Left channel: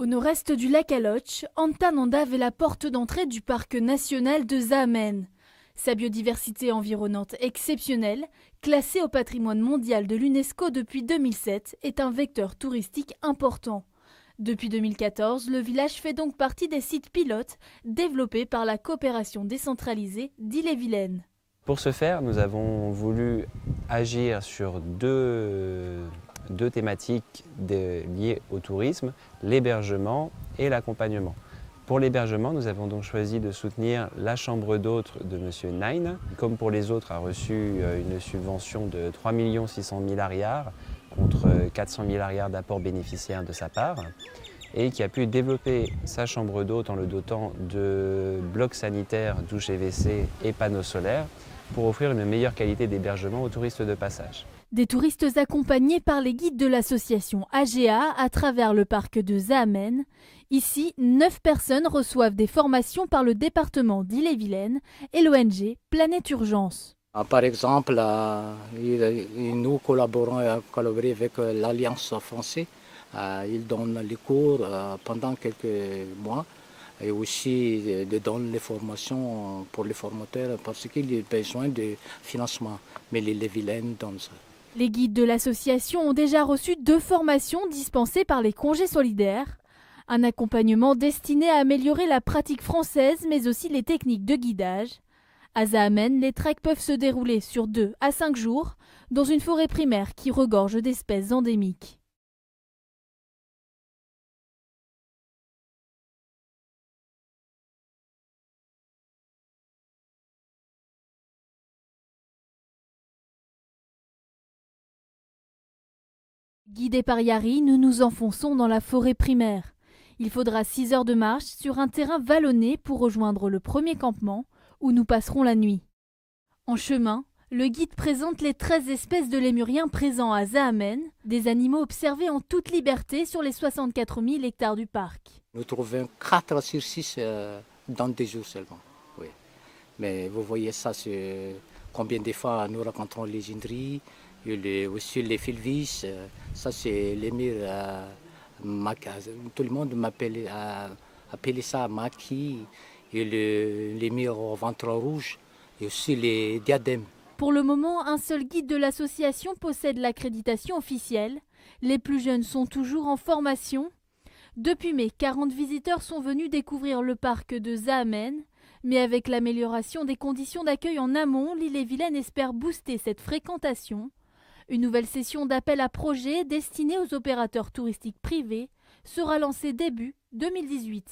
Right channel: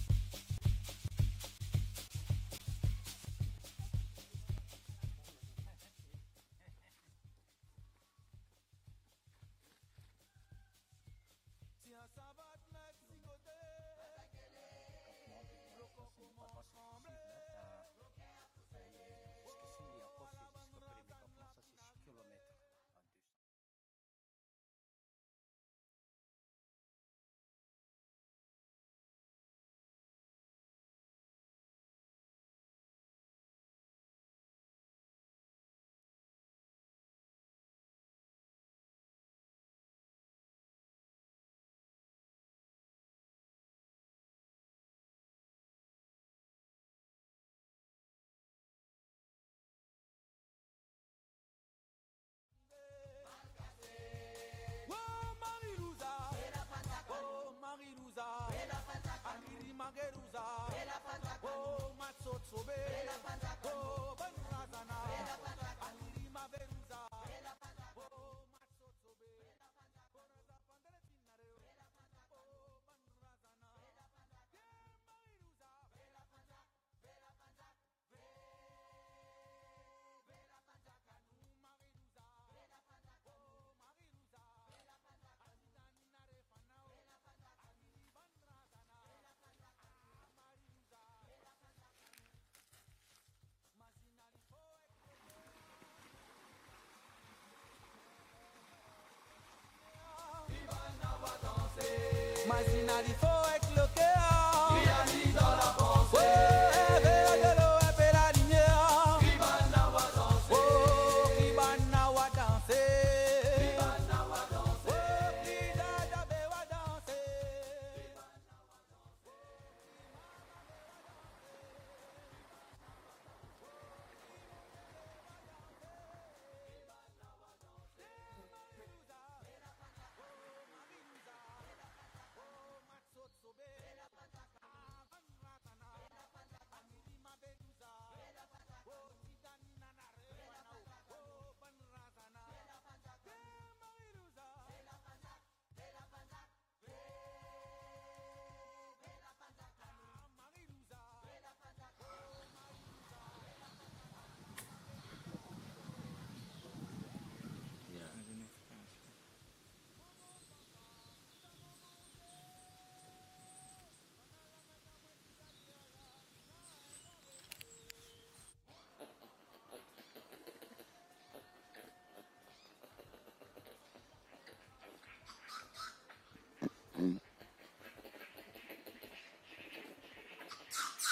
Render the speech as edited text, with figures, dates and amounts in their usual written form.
Au nord-est du lac Aloche, Antanandave est la porte d'entrée du parc national de Zámen. Sa biodiversité environnante exceptionnelle, classée au patrimoine mondial de l'UNESCO depuis 2007, est un vecteur touristique important. Depuis 2014, le village fait donc partie des sites pilotes développés par la coopération décentralisée d'Ille-et-Vilaine. Pour ce faire, nous avons voulu agir sur deux thématiques liées au tourisme, l'hébergement et l'accompagnement. Pour l'hébergement, nous avons donc choisi de soutenir la chambre d'hôtes de M. Nain. Comme pour les autres, a reçu une subvention de 3 600 000 ariars contre 400 000 ariars d'apport bénéficiaire de sa part et qui a pu développer sa chambre d'hôtes en le dotant de blocs sanitaires, douches et WC et panneaux solaires pour offrir une meilleure qualité d'hébergement aux touristes de passage. Des touristes accompagnés par les guides de l'association AGA à travers le parc de Zámen. Ici, 9 personnes reçoivent des formations par le département d'Ille-et-Vilaine et l'ONG Planète Urgence. Par exemple, nous collaborons avec l'Alliance française. Ils donnent les cours pendant quelques mois et aussi donnent les formations pour les formateurs parce qu'il y a besoin de financement. Mais l'Ille-et-Vilaine donne ça. Les guides de l'association ont déjà reçu 2 formations dispensées par les congés solidaires. Un accompagnement destiné à améliorer la pratique française mais aussi les techniques de guidage. À Zámen, les treks peuvent se dérouler sur 2 à 5 jours dans une forêt primaire qui regorge d'espèces endémiques. Guidés par Yari, nous nous enfonçons dans la forêt primaire. Il faudra 6 heures de marche sur un terrain vallonné pour rejoindre le premier campement où nous passerons la nuit. En chemin, le guide présente les 13 espèces de lémuriens présents à Zámen, des animaux observés en toute liberté sur les 64 000 hectares du parc. Nous trouvons 4 sur 6 dans des jours seulement. Oui. Mais vous voyez ça, c'est combien de fois nous rencontrons les indris, aussi les filvis, ça c'est l'émir tout le monde m'appelle ça maki, et l'émir au ventre rouge, et aussi les diadèmes. Pour le moment, un seul guide de l'association possède l'accréditation officielle. Les plus jeunes sont toujours en formation. Depuis mai, 40 visiteurs sont venus découvrir le parc de Zámen. Mais avec l'amélioration des conditions d'accueil en amont, l'Ille-et-Vilaine espère booster cette fréquentation. Une nouvelle session d'appel à projets destinée aux opérateurs touristiques privés sera lancée début 2018.